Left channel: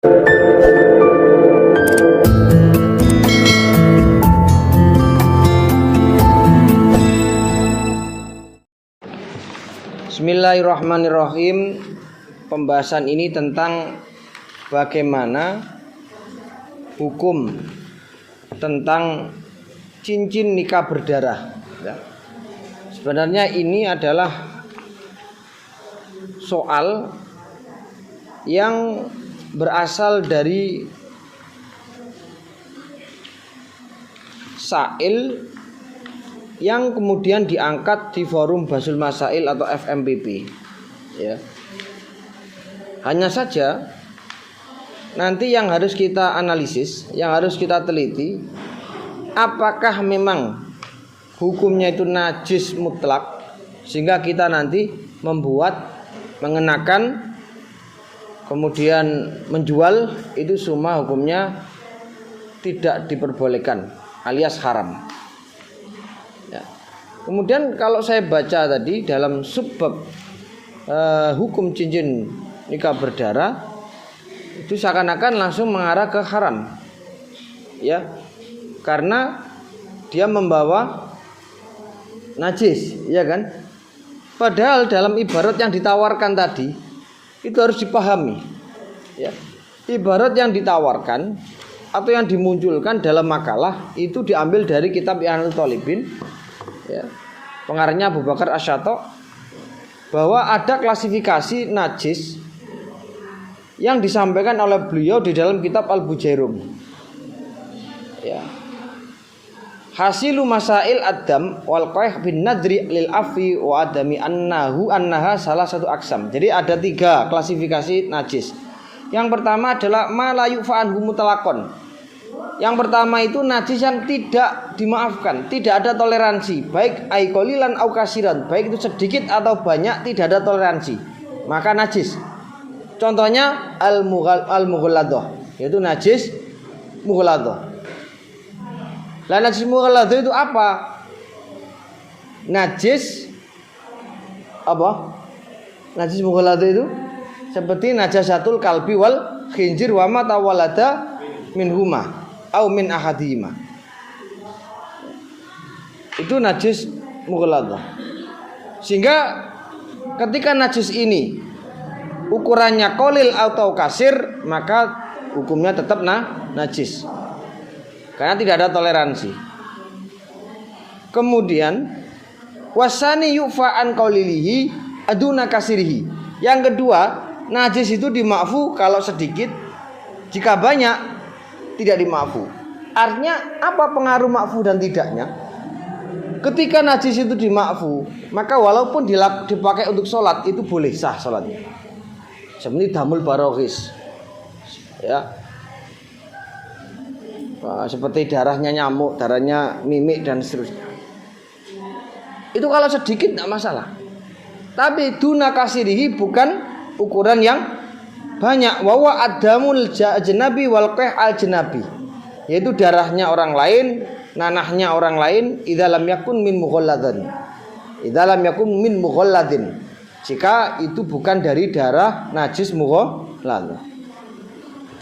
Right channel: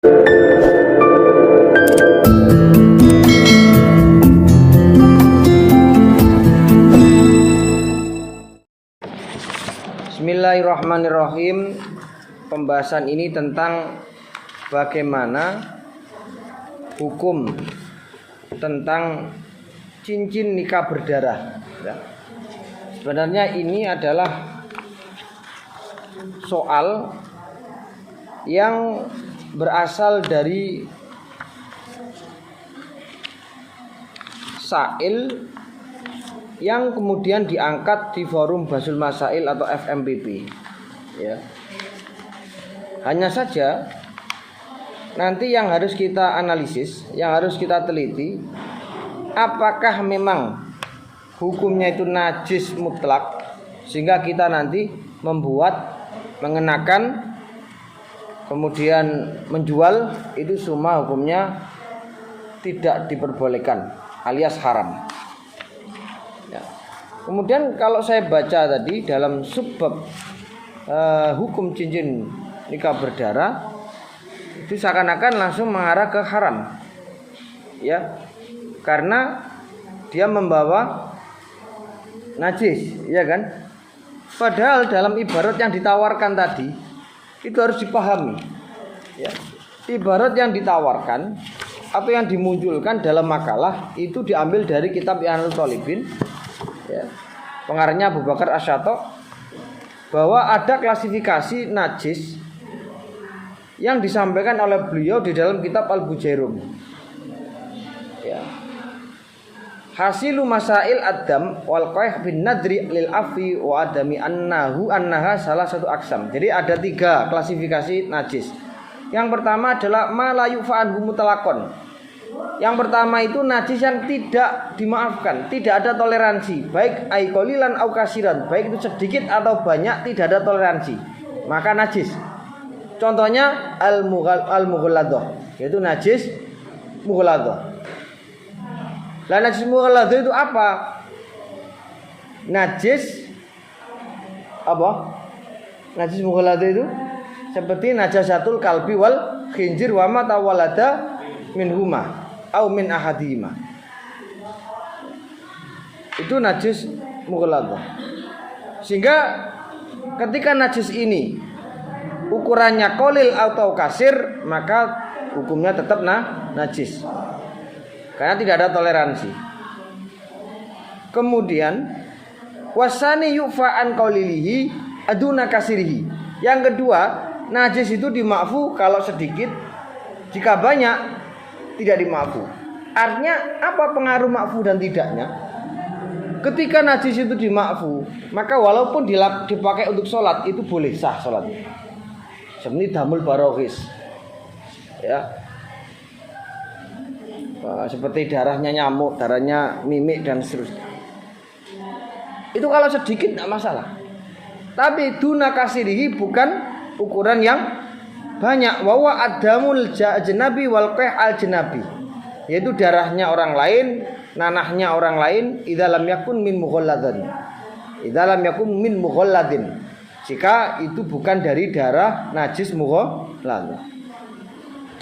Bismillahirrahmanirrahim. Pembahasan ini tentang bagaimana hukum tentang cincin nikah berdarah. Sebenarnya ini adalah soal yang berasal dari Sail yang kemudian diangkat di forum Basul Masail atau FMPP. Ya. Hanya saja nanti yang harus kita analisis, yang harus kita teliti, apakah memang hukumnya itu najis mutlak sehingga kita nanti mengenakan kemudian menjual itu semua hukumnya tidak diperbolehkan alias haram. Ya. Kemudian kalau saya baca tadi dalam subbab hukum cincin nikah berdarah itu seakan-akan langsung mengarah ke haram, ya, karena dia membawa najis, ya kan? Padahal dalam ibarat yang ditawarkan tadi itu harus dipahami, ya. Ibarat yang ditawarkan atau yang dimunculkan dalam makalah itu diambil dari kitab I'anatul Talibin, ya, pengarangnya Abu Bakar Asy-Syato', bahwa ada klasifikasi najis yang disampaikan oleh beliau di dalam kitab Al-Bujairum, ya. Hasilu masail adam wal qaih bin nadri lil afi wa adami annaha salah satu aksam. Jadi ada 3 klasifikasi najis. Yang pertama adalah ma la yufa'anhu mutlaqan. Yang pertama itu najis yang tidak dimaafkan, tidak ada toleransi, baik ai qalilan au kasiran, baik itu sedikit atau banyak, tidak ada toleransi, maka najis. Contohnya al-mughalladhah, yaitu najis mughalladhah. Lah najis mughalladhah itu apa? Najis apa? Najis mughalladhah itu seperti najasatul kalbi wal khinzir wa ma tawallada minhuma au min ahadihima. Itu najis mughalladhah. Sehingga ketika najis ini ukurannya qalil atau kasir, maka hukumnya tetap najis, karena tidak ada toleransi. Kemudian wasani yufa an qalilihi aduna kasirihi. Yang kedua, najis itu dimaafu kalau sedikit, jika banyak tidak dimaafu. Artinya apa pengaruh maafu dan tidaknya? Ketika najis itu dimaafu, maka walaupun dipakai untuk sholat itu boleh sah sholatnya. Seperti damul barohis, ya, seperti darahnya nyamuk, darahnya mimik dan seterusnya. Itu kalau sedikit tidak masalah. Tapi duna kasirihi bukan ukuran yang banyak. Wawa adamul ajnabi wal qih al jnabi, yaitu darahnya orang lain, nanahnya orang lain. Idza lam yakun min mughalladin, idza lam yakun min mughalladin, jika itu bukan dari darah najis mughalladh.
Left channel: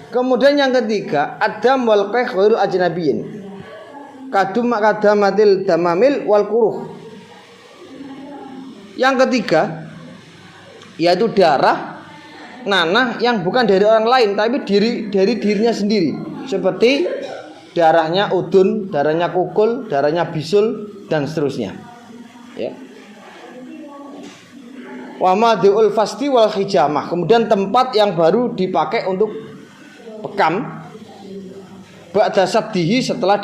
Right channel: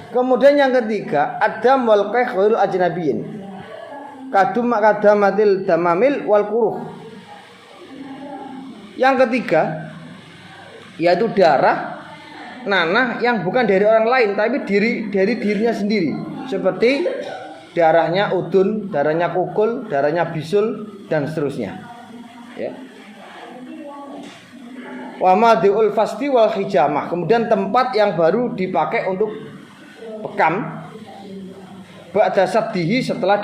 Kemudian yang ketiga, adam wal qih ghairu ajnabiyin, kadamatil damamil wal kuruh. Yang ketiga yaitu darah nanah yang bukan dari orang lain tapi dari dirinya sendiri, seperti darahnya udun, darahnya kukul, darahnya bisul dan seterusnya, ya. Wa madul fasti wal hijamah. Kemudian tempat yang baru dipakai untuk bekam ba'da sabdihi, setelah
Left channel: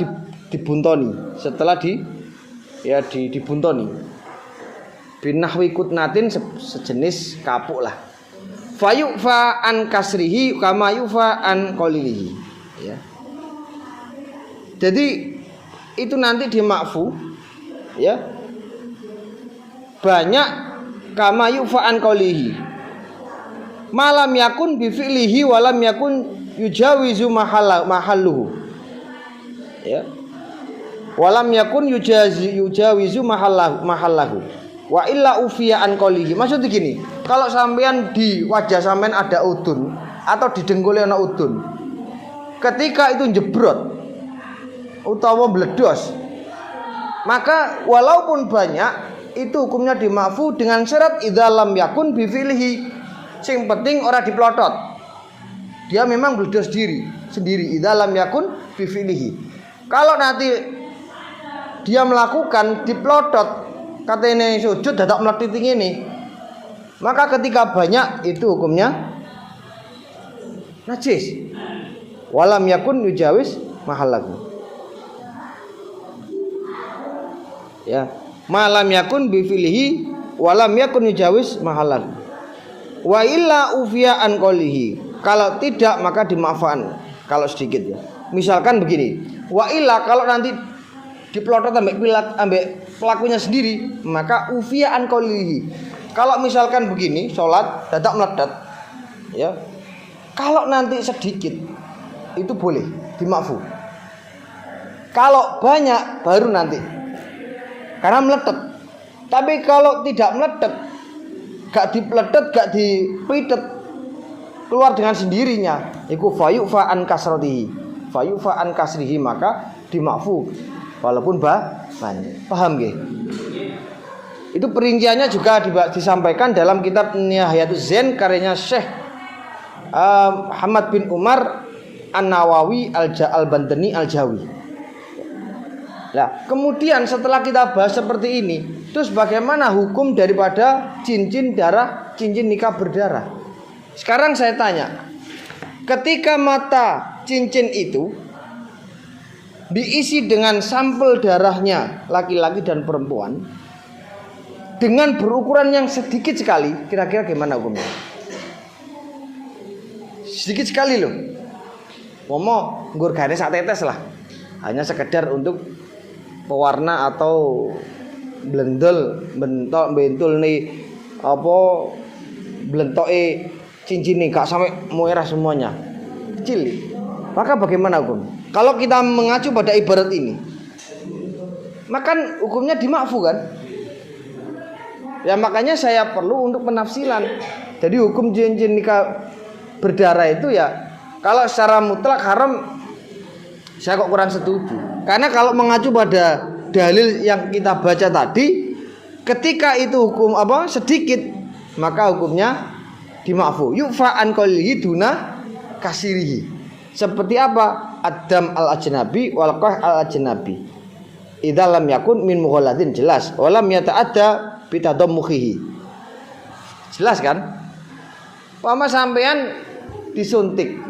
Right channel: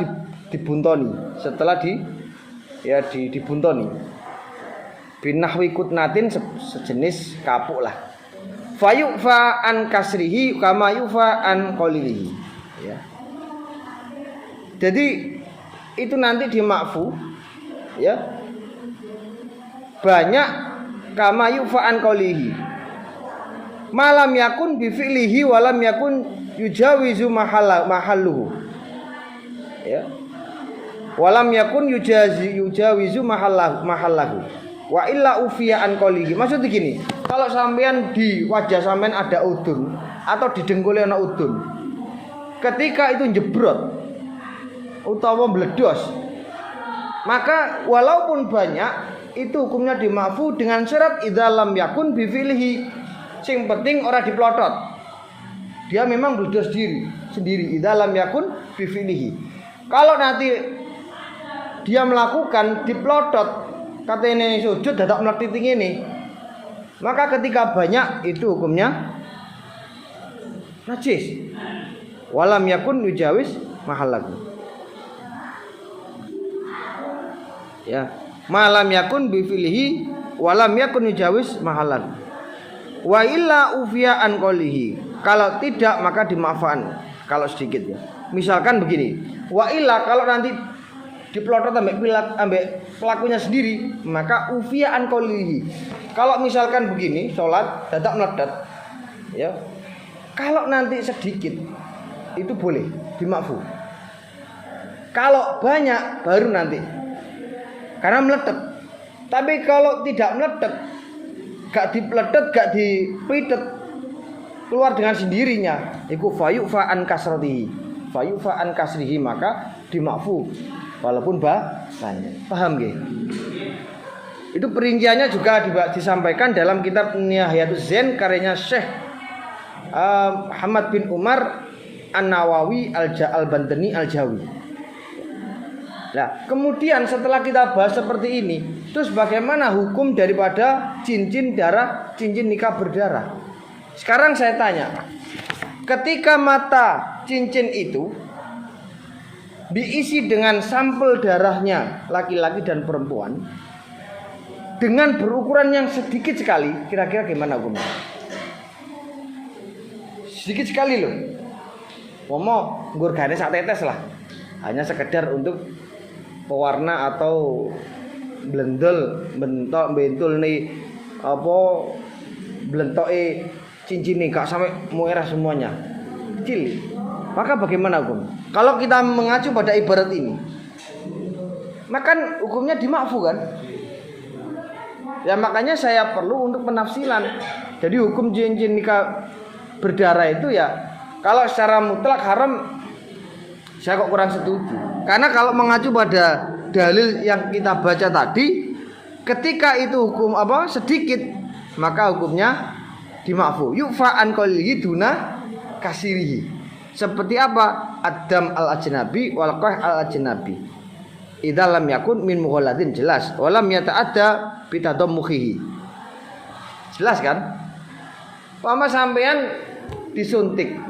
dibuntoni, setelah dibuntoni. Binahwi kutnatin, sejenis kapuk lah. Fayufa an kasrihi kama yufa an qalilihi, ya. Jadi itu nanti dimakfu, ya, banyak kama yufa an qalilihi. Malam yakun bi fi'lihi walam yakun yujawizu mahalluhu, ya. Walam yakun yujawizu mahallahu. Wa illa ufiya an qolihi. Maksudnya gini, kalau sampean di wajah sampean ada udun, atau didengkuli ana udun. Ketika itu jebrot utawa meledos, maka walaupun banyak itu hukumnya dimaafu dengan syarat idza lam yakun bi fi'lihi. Sing penting ora diplotot. Dia memang meledos sendiri idza lam yakun bi fi'lihi. Kalau nanti dia melakukan diplotot, katanya sujud dadak meletit ini, maka ketika banyak itu hukumnya najis. Walam yakun yujawis mahallahu. Ya, malam yakun bi fi'lihi walam yakun yujawis mahallahu. Wa illa ufiya an qolihi. Kalau tidak maka dimaafkan kalau sedikit ya. Misalkan begini, wa illa kalau nanti diplotot ambek pelakunya sendiri, maka ufiya an qolihi. Kalau misalkan begini, sholat dadak meledat, ya. Kalau nanti sedikit itu boleh dimaafu. Kalau banyak baru nanti karena meletet. Tapi kalau tidak meletet, gak dipletet, gak dipitet, keluar dengan sendirinya, iku fayufa an kasratihi. Fayufa an kasrihi, maka dimaafu walaupun banyak. Paham nggih? Itu perinciannya juga disampaikan dalam kitab Nihayatus Zain karyanya Syekh Muhammad bin Umar An-Nawawi Al-Bantani Al-Jawi. Nah, kemudian setelah kita bahas seperti ini, terus bagaimana hukum daripada cincin darah, cincin nikah berdarah? Sekarang saya tanya, ketika mata cincin itu diisi dengan sampel darahnya laki-laki dan perempuan dengan berukuran yang sedikit sekali, kira-kira gimana hukumnya? Sedikit sekali loh. Momo ngurgane sak tetes lah. Hanya sekedar untuk pewarna atau bentul nih apa blentoke cincin ini gak sampai merah semuanya, kecil. Maka bagaimana hukum? Kalau kita mengacu pada ibarat ini, maka hukumnya dimaafkan kan? Ya makanya saya perlu untuk penafsiran. Jadi hukum cincin nikah berdarah itu ya, kalau secara mutlak haram, saya kok kurang setuju. Karena kalau mengacu pada dalil yang kita baca tadi, ketika itu hukum apa sedikit, maka hukumnya dimaafu. Yufa an qalihi duna kasirihi. Seperti apa? Adam al ajnabi wal qah al ajnabi. Idza lam yakun min mughalladin, jelas. Walam yata'adda bitadammuhi. Jelas kan? Pama sampean disuntik,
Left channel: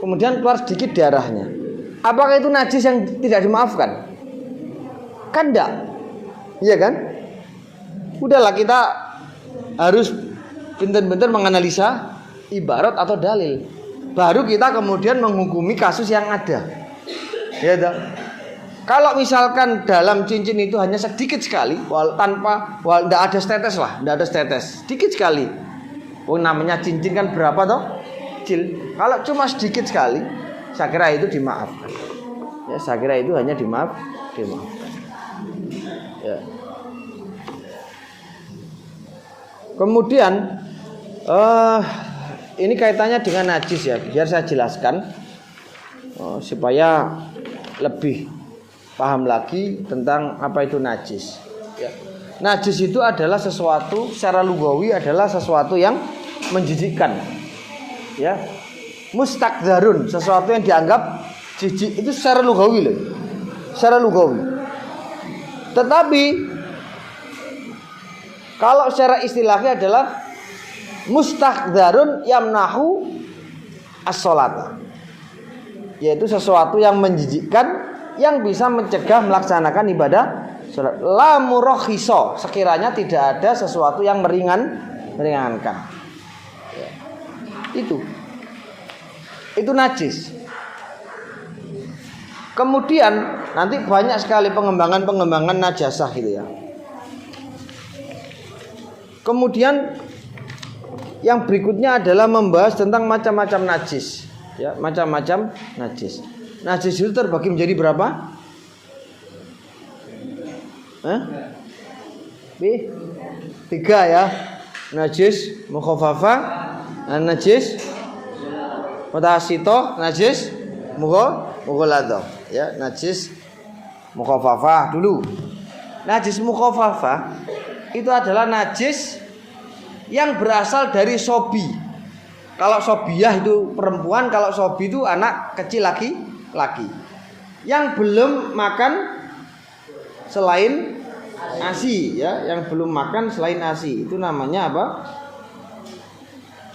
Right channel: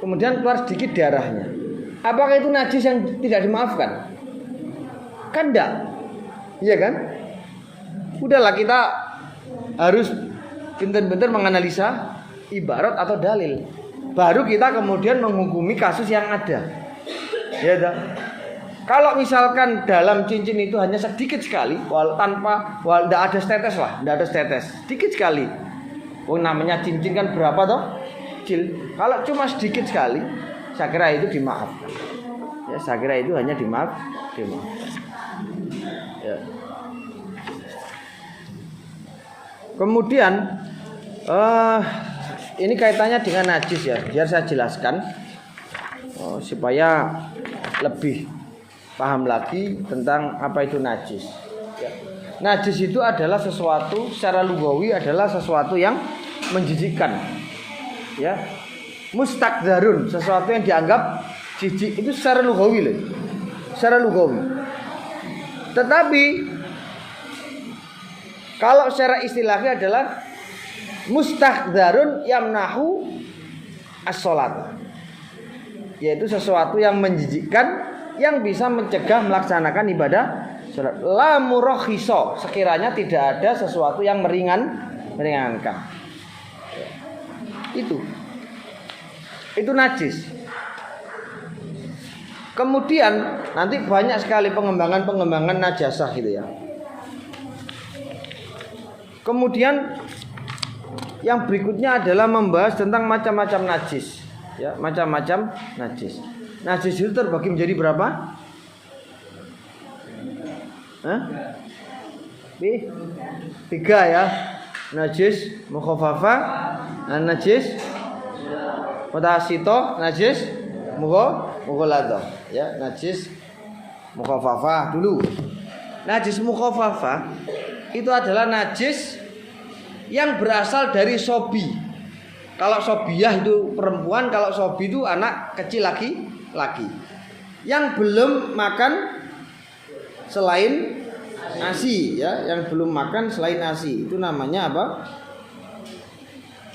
kemudian keluar sedikit darahnya, apakah itu najis yang tidak dimaafkan? Kan enggak, iya kan? Udahlah, kita harus benar-benar menganalisa ibarat atau dalil, baru kita kemudian menghukumi kasus yang ada. Ya dah. Kalau misalkan dalam cincin itu hanya sedikit sekali, tidak ada tetes lah, tidak ada tetes, sedikit sekali. Oh, namanya cincin kan berapa toh? Kecil. Kalau cuma sedikit sekali, saya kira itu dimaafkan. Ya, saya kira itu hanya dimaafkan. Ya. Kemudian ini kaitannya dengan najis ya, biar saya jelaskan supaya lebih paham lagi tentang apa itu najis. Ya. Najis itu adalah sesuatu, secara lugawi adalah sesuatu yang menjijikkan. Ya. Mustakdzarun, sesuatu yang dianggap jijik, itu secara lugawi loh. Secara lugawi. Tetapi kalau secara istilahnya adalah mustakdzarun yamnahu as-shalat. Yaitu sesuatu yang menjijikkan yang bisa mencegah melaksanakan ibadah salat. La murakhiso, sekiranya tidak ada sesuatu yang meringankan. Ya. Itu najis. Kemudian nanti banyak sekali pengembangan najasah gitu ya. Kemudian yang berikutnya adalah membahas tentang macam-macam najis. Ya, macam-macam najis. Najis itu terbagi menjadi berapa? Tiga ya. Najis mukhaffafa, najis Mutawasito najis mughaladhah. Ya, najis mukhafafah dulu. Najis mukhafafah itu adalah najis yang berasal dari sobi. Kalau sobiyah itu perempuan, kalau sobi itu anak kecil laki-laki yang belum makan selain ASI, ya, yang belum makan selain ASI. Itu namanya apa?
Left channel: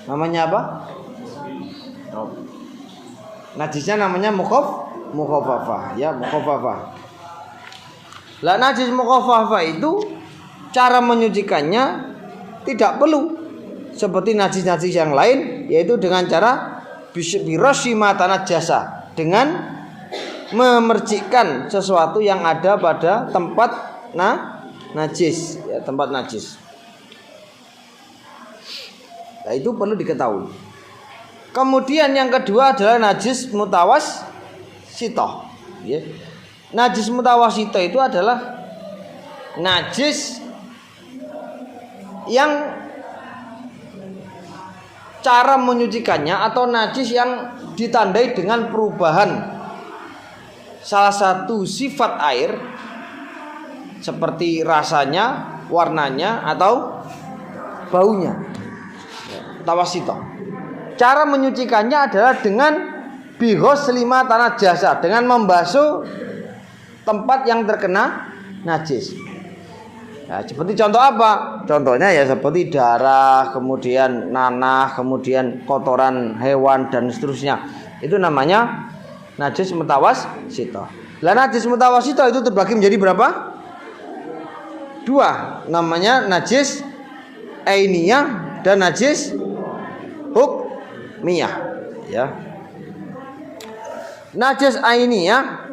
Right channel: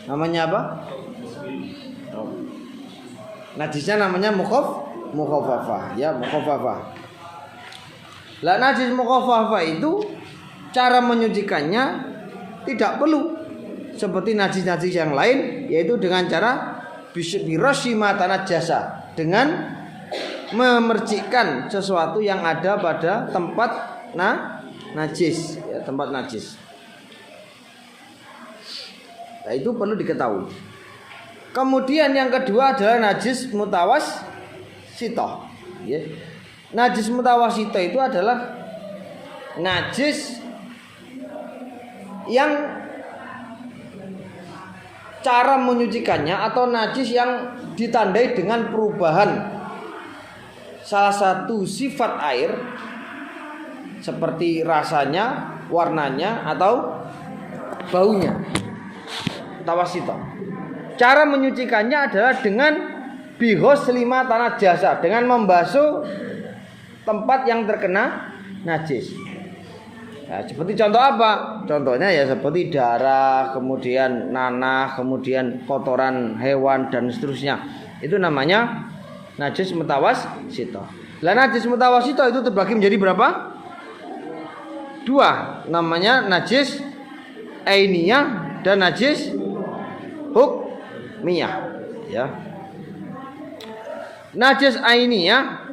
Namanya apa? Najisnya namanya mukhafafah, ya, mukhafafah. Lah najis mukhafafah itu cara menyucikannya tidak perlu seperti najis-najis yang lain, yaitu dengan cara birashima tanajjasa, dengan memercikkan sesuatu yang ada pada tempat najis, ya, tempat najis. Nah, itu perlu diketahui. Kemudian yang kedua adalah najis mutawasito. Ya. Najis mutawasito itu adalah najis yang cara menyucikannya atau najis yang ditandai dengan perubahan salah satu sifat air seperti rasanya, warnanya atau baunya. Tawasito. Cara menyucikannya adalah dengan bighuslima tanajjasa, dengan membasuh tempat yang terkena najis. Nah, seperti contoh apa? Contohnya ya seperti darah, kemudian nanah, kemudian kotoran hewan dan seterusnya. Itu namanya najis mutawasito. Lah najis mutawasito itu terbagi menjadi berapa? Dua. Namanya najis ainiyah dan najis hukmiyah, ya. Najis ainiyah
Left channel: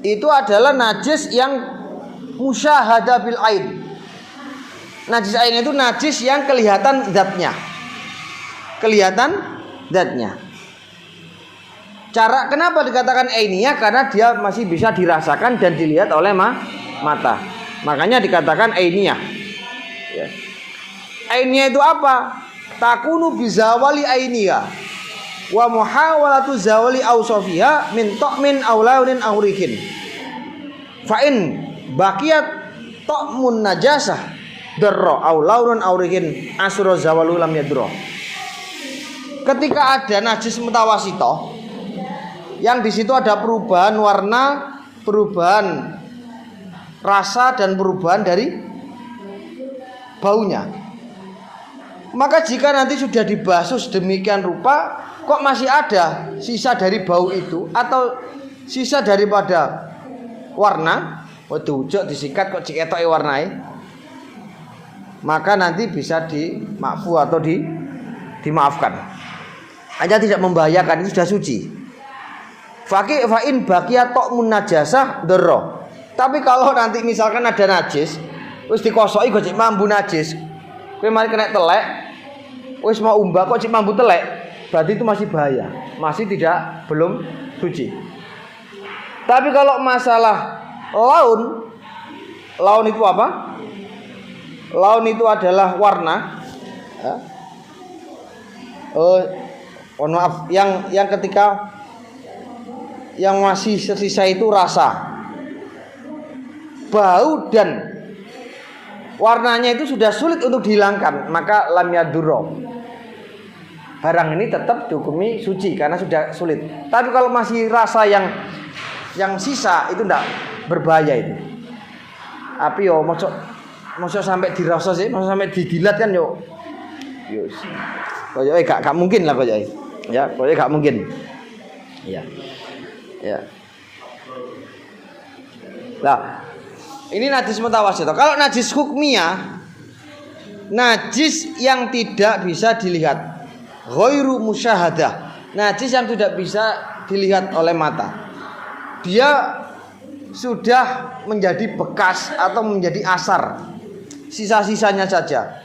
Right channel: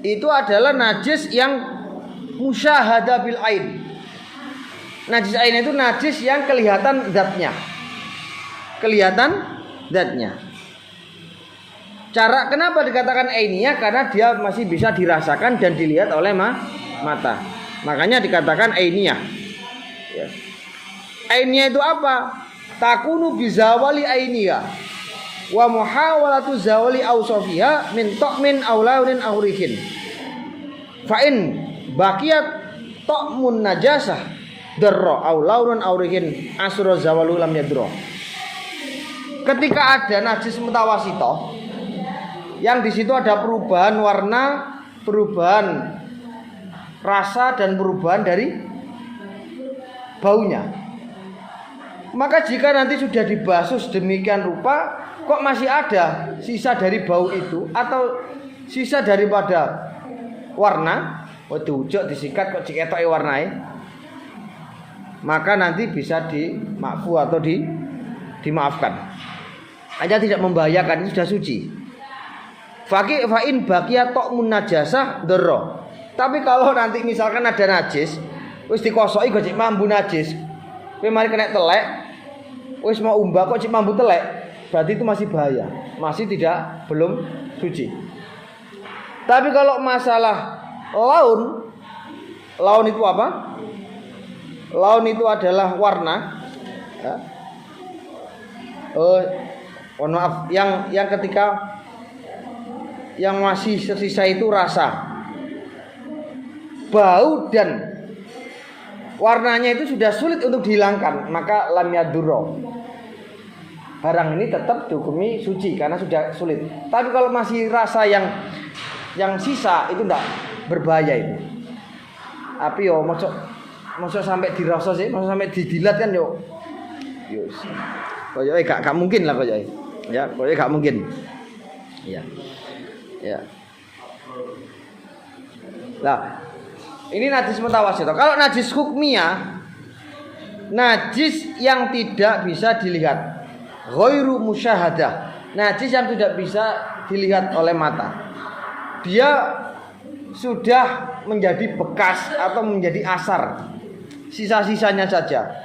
itu adalah najis yang musyahada bil ain. Najis ain itu najis yang kelihatan zatnya. Kelihatan zatnya. Cara kenapa dikatakan ainiyah? Karena dia masih bisa dirasakan dan dilihat oleh mata. Makanya dikatakan ainiyah. Ya. Ainiyah itu apa? Takunu bizawali ainiyah wa muhawalatu zawali awsafiha min ta'min aw launin aw rihin. Fa in baqiyat ta'mun najasah darra aw launun aw rihin asra zawalu lam yadra. Ketika ada najis mutawasito yang di situ ada perubahan warna, perubahan rasa dan perubahan dari baunya, maka jika nanti sudah dibasuh sedemikian rupa kok masih ada sisa dari bau itu atau sisa daripada warna, waduh ujok disikat kok ciketoke warnai, maka nanti bisa dimakfu atau dimaafkan. Hanya tidak membahayakan, itu sudah suci. Fa'in baqiyat ta'mun najasah darra. Tapi kalau nanti misalkan ada najis, wis dikosoki kok cek mambu najis, kowe mari kena telek, wis mau umbah kok cek mambu telek, berarti itu masih bahaya, masih belum suci. Tapi kalau masalah laun itu apa? Laun itu adalah warna. Ya. Maaf, yang ketika yang masih tersisa itu rasa, bau dan warnanya itu sudah sulit untuk dihilangkan, maka lam yadurro. Barang ini tetap dihukumi suci karena sudah sulit. Tapi kalau masih rasa yang sisa itu tidak berbahaya itu. Tapi yo mosok sampai dirasa sih, mosok sampai didilat kan yo. Yes. Koyoke gak mungkin lah koyoke. Ya, koyoke gak mungkin. Iya. Ya. Nah, ini najis mutawasito. Kalau najis hukmiyah, najis yang tidak bisa dilihat, ghairu musyahadah, najis yang tidak bisa dilihat oleh mata. Dia sudah menjadi bekas atau menjadi asar, sisa-sisanya saja.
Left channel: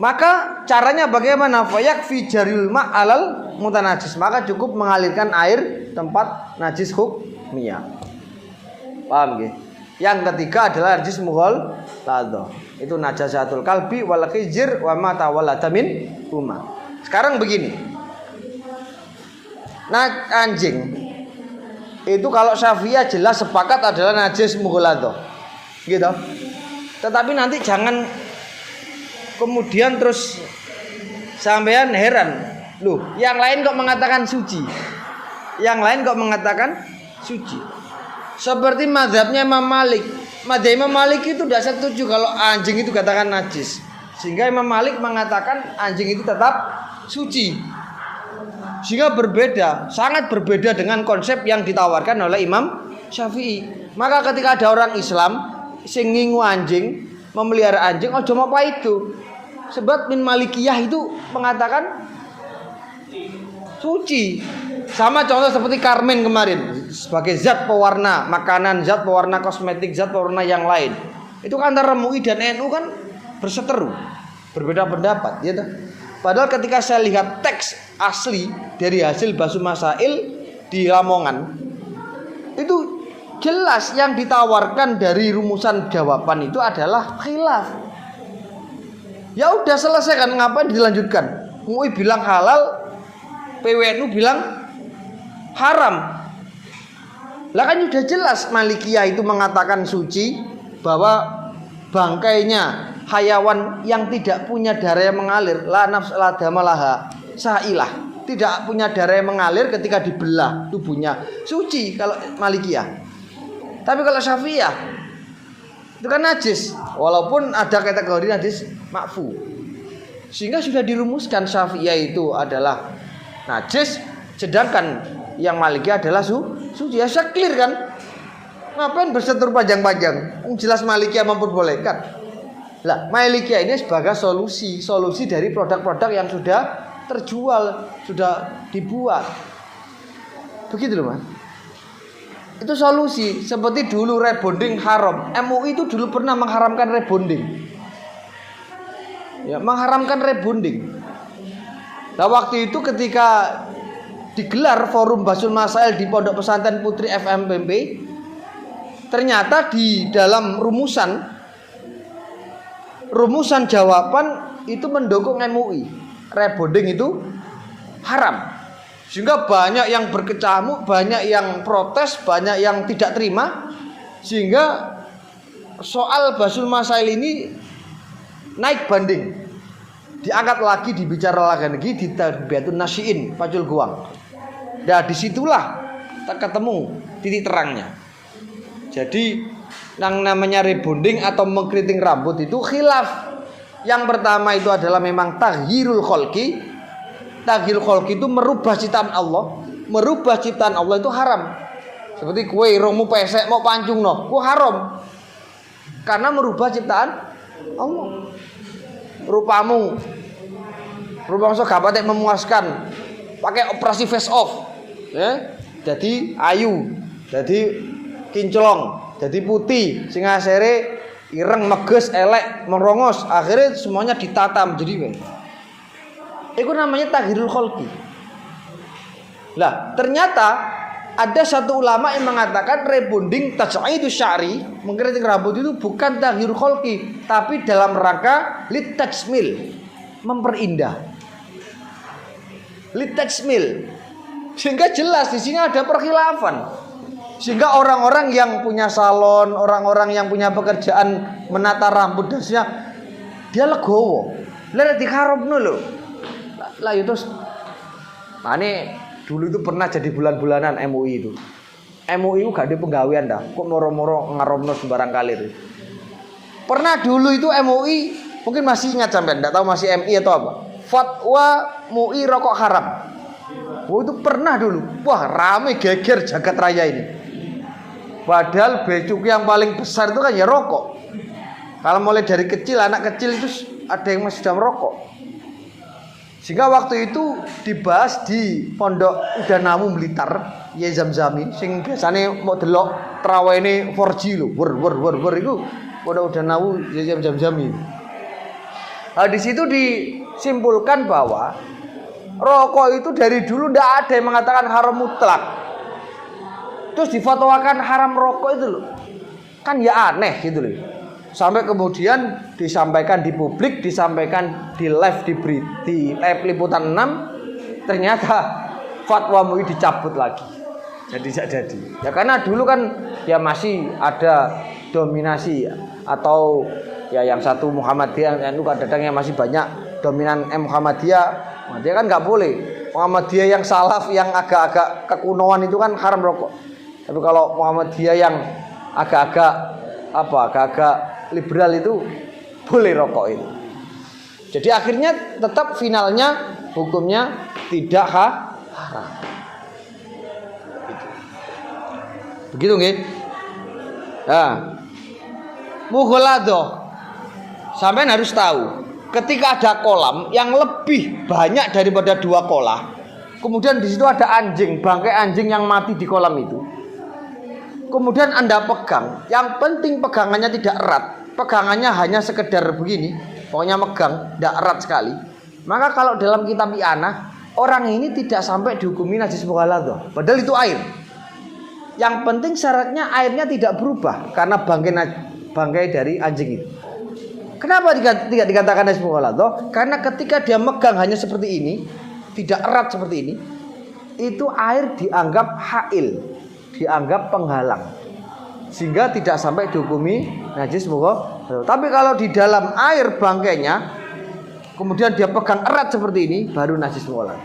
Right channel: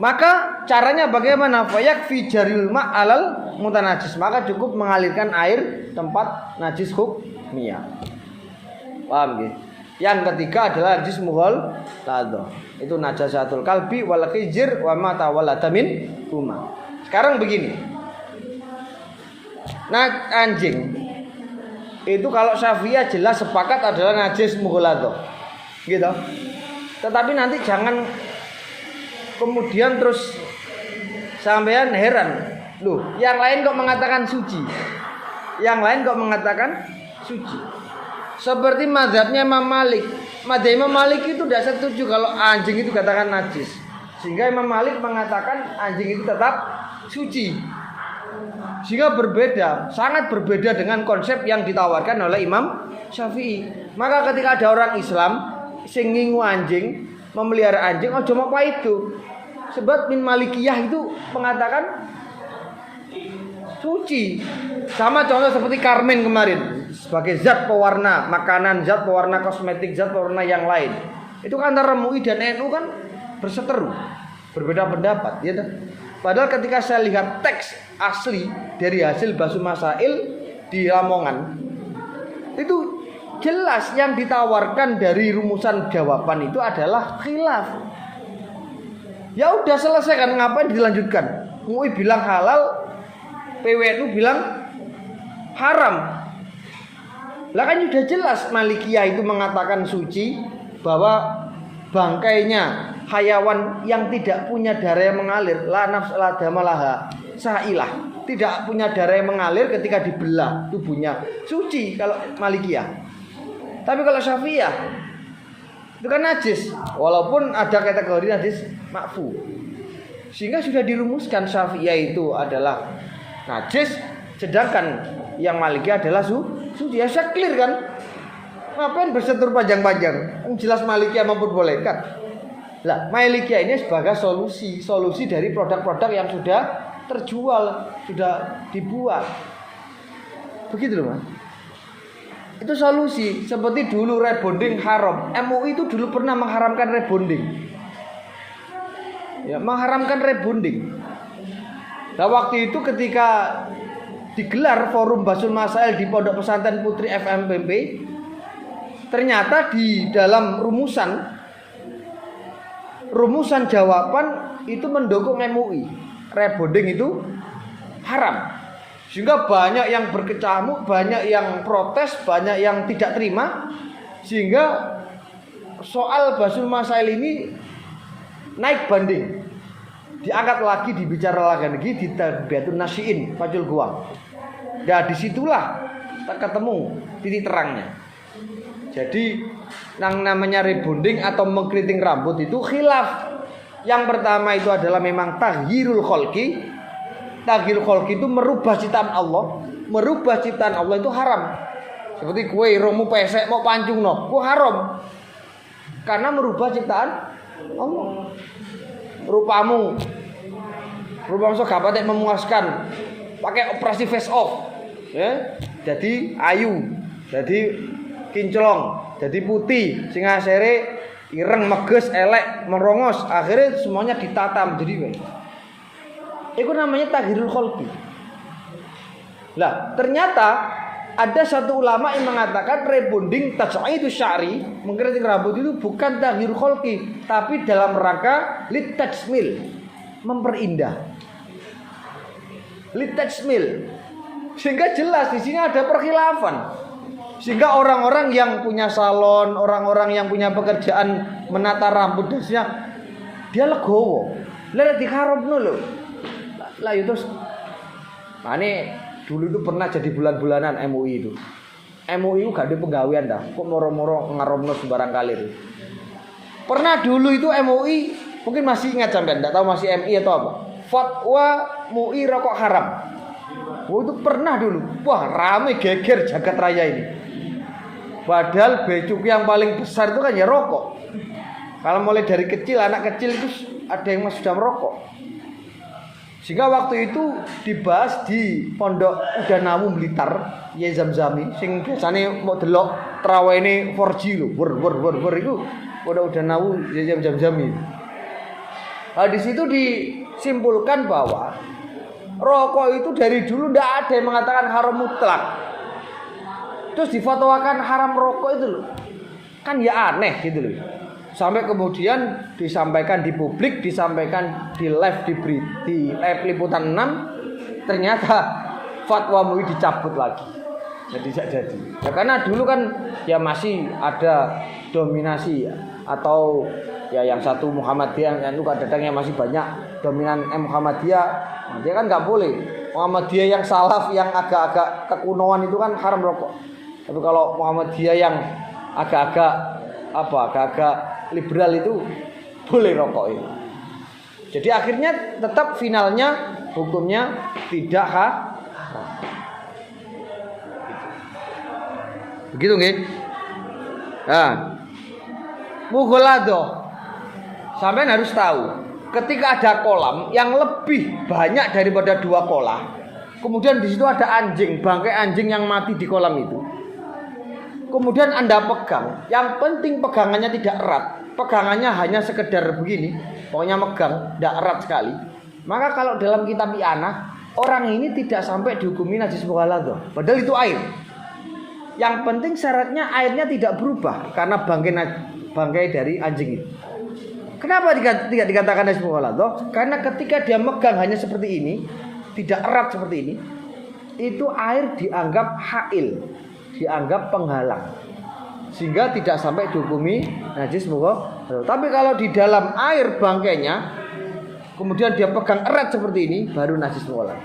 Maka caranya bagaimana? Fayakfi jaril ma'alal mutanajis. Maka cukup mengalirkan air tempat najis hukmiyah. Paham gitu? Yang ketiga adalah najis mughaladhah. Itu najasatul kalbi wal khijr wa ma tawallada min huma. Sekarang begini. anjing itu kalau Syafi'iyah jelas sepakat adalah najis mughaladhah. Gitu. Tetapi nanti jangan kemudian terus sampean heran. Loh, yang lain kok mengatakan suci? Yang lain kok mengatakan suci? Seperti mazhabnya Imam Malik. Mazhab Imam Malik itu tidak setuju kalau anjing itu katakan najis. Sehingga Imam Malik mengatakan anjing itu tetap suci. Sehingga berbeda, sangat berbeda dengan konsep yang ditawarkan oleh Imam Syafi'i. Maka ketika ada orang Islam sing ngingu anjing, memelihara anjing, ojo apa itu. Sebab min Malikiyah itu mengatakan suci. Sama contoh seperti Karmen kemarin, sebagai zat pewarna makanan, zat pewarna kosmetik, zat pewarna yang lain. Itu kan antara MUI dan NU kan berseteru, berbeda pendapat, ya. Padahal ketika saya lihat teks asli dari hasil Basu Masail di Lamongan, itu jelas yang ditawarkan dari rumusan jawaban itu adalah khilaf. Ya udah selesai kan, ngapain dilanjutkan? MUI bilang halal, PWNU bilang haram. Lah kan sudah jelas Malikiyah itu mengatakan suci, bahwa bangkainya hayawan yang tidak punya darah yang mengalir, la nafs la damalaha sa'ilah, tidak punya darah yang mengalir ketika dibelah tubuhnya, suci kalau Malikiyah. Tapi kalau Syafi'iyah itu kan najis, walaupun ada kategori najis makfu. Sehingga sudah dirumuskan Syafi'iyah itu adalah najis, sedangkan yang Malikiyah adalah suci. Ya clear kan? Ngapain bersetur panjang-panjang? Jelas Malikiyah memperbolehkan. Lah, Malikiyah ini sebagai solusi dari produk-produk yang sudah terjual, sudah dibuat. Begitu loh, Mas. Itu solusi. Seperti dulu rebonding haram. MUI itu dulu pernah mengharamkan rebonding. Ya, mengharamkan rebonding. Nah, waktu itu ketika digelar forum Basul Masail di Pondok Pesantren Putri FMPP, ternyata di dalam rumusan jawaban itu mendukung MUI. Rebonding itu haram. Sehingga banyak yang berkecamuk, banyak yang protes, banyak yang tidak terima. Sehingga soal Basul Masail ini naik banding. Diangkat lagi, dibicarakan lagi di Tarbiyatul Nasyiin Fajul Guang. Nah, disitulah ketemu titik terangnya. Jadi yang namanya rebonding atau mengkeriting rambut itu khilaf. Yang pertama itu adalah memang taghyirul kholqi. Taghyirul kholqi itu merubah ciptaan Allah. Merubah ciptaan Allah itu haram. Seperti kue romu pesek mau pancung no, kue haram. Karena merubah ciptaan Allah. Rupamu so gak patek memuaskan, pakai operasi face off, ya. Jadi ayu, jadi kinclong, jadi putih, sing asere ireng, meges, elek, merongos, akhirnya semuanya ditata menjadi itu namanya taghirul kholqi. Lah, ternyata ada satu ulama yang mengatakan rebonding taj'idus sya'ri, mengkeriting rambut itu bukan taghirul kholqi, tapi dalam rangka litajmil, memperindah. Litajmil. Sehingga jelas di sini ada perkhilafan. Sehingga orang-orang yang punya salon, orang-orang yang punya pekerjaan menata rambut dasnya, dia legowo. Lah diharamno lho. Lah itu ane dulu itu pernah jadi bulan-bulanan MUI itu. MUI itu gak ada penggawean dah. Kok moro-moro ngaromno sembarang kali itu. Pernah dulu itu MUI, mungkin masih ingat sampean, enggak tahu masih MI atau apa. Fatwa MUI rokok haram. Oh, itu pernah dulu. Wah, rame geger jagat raya ini. Padahal becuk yang paling besar itu kan ya rokok. Kalau mulai dari kecil, anak kecil itu ada yang masih sudah merokok. Sehingga waktu itu dibahas di Pondok Udanawu Blitar, ya Zamzami, sing biasanya mau delok trawene 4G lho, wer itu Pondok Udanawu ya Zamzami. Nah, di situ disimpulkan bahwa rokok itu dari dulu ndak ada yang mengatakan haram mutlak. Terus difatwakan haram rokok itu loh. Kan ya aneh gitu loh. Sampai kemudian disampaikan di publik, disampaikan di live di live liputan 6, ternyata fatwa MUI dicabut lagi. Jadi tidak jadi. Ya karena dulu kan ya masih ada dominasi ya, atau ya yang satu Muhammadiyah, yang itu kadang-kadang yang masih banyak dominan Muhammadiyah. Nah, dia kan nggak boleh. Muhammadiyah yang salaf yang agak-agak kekunoan itu kan haram rokok. Tapi kalau Muhammadiyah yang agak-agak liberal itu boleh rokok itu. Jadi akhirnya tetap finalnya hukumnya tidak haram. Begitu nggih? Nah, mughaladhah. Sampean harus tahu, ketika ada kolam yang lebih banyak daripada 2 kolah, kemudian di situ ada anjing, bangkai anjing yang mati di kolam itu. Kemudian Anda pegang, yang penting pegangannya tidak erat, pegangannya hanya sekedar begini, pokoknya megang, tidak erat sekali. Maka kalau dalam kitab i'anah, orang ini tidak sampai dihukumi najis mughaladhah, padahal itu air. Yang penting syaratnya airnya tidak berubah karena bangkai dari anjing itu. Kenapa tidak dikatakan najis mughaladhah? Karena ketika dia megang hanya seperti ini, tidak erat seperti ini, itu air dianggap hail, dianggap penghalang, sehingga tidak sampai dihukumi najis mughaladhah. Tapi kalau di dalam air bangkainya, kemudian dia pegang erat seperti ini, baru najis mughaladhah.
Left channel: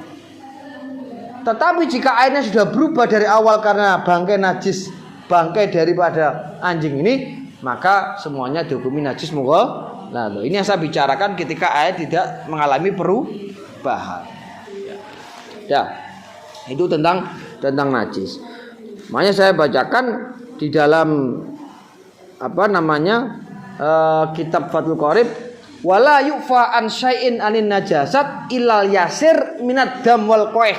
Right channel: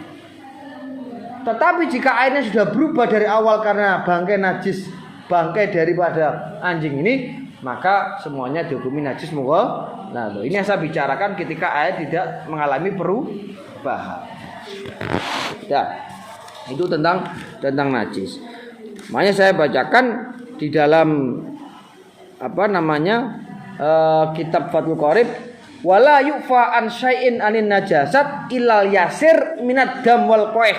Tetapi jika airnya sudah berubah dari awal karena bangkai najis, bangkai daripada anjing ini, maka semuanya dihukumi najis mughaladhah. Nah, ini yang saya bicarakan ketika air tidak mengalami perubahan. Ya, itu tentang najis. Makanya saya bacakan di dalam kitab Fathul Qorib, wala yufa an syai'in anin najasat illal yasir minad dam wal qaih.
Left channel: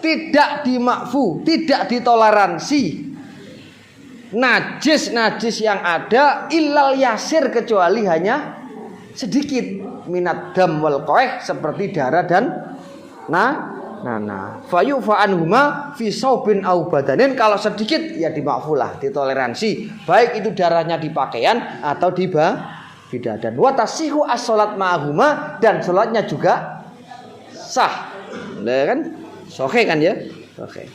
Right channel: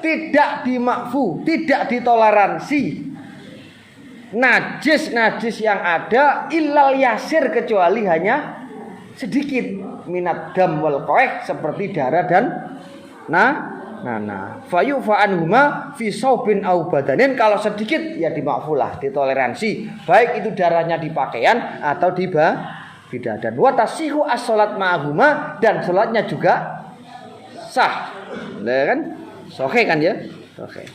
Tidak dimakfu, tidak ditoleransi najis yang ada illal yasir, kecuali hanya sedikit, minad dam wal qaih, seperti darah dan nanah. Fayufa anhuma fi saubin au badanin, kalau sedikit ya dimakfulah, ditoleransi, baik itu darahnya di pakaian atau di badan. Wa tasihu as-salat ma'ahuma, dan salatnya juga sah. Nah, kan? Oke kan ya? Oke.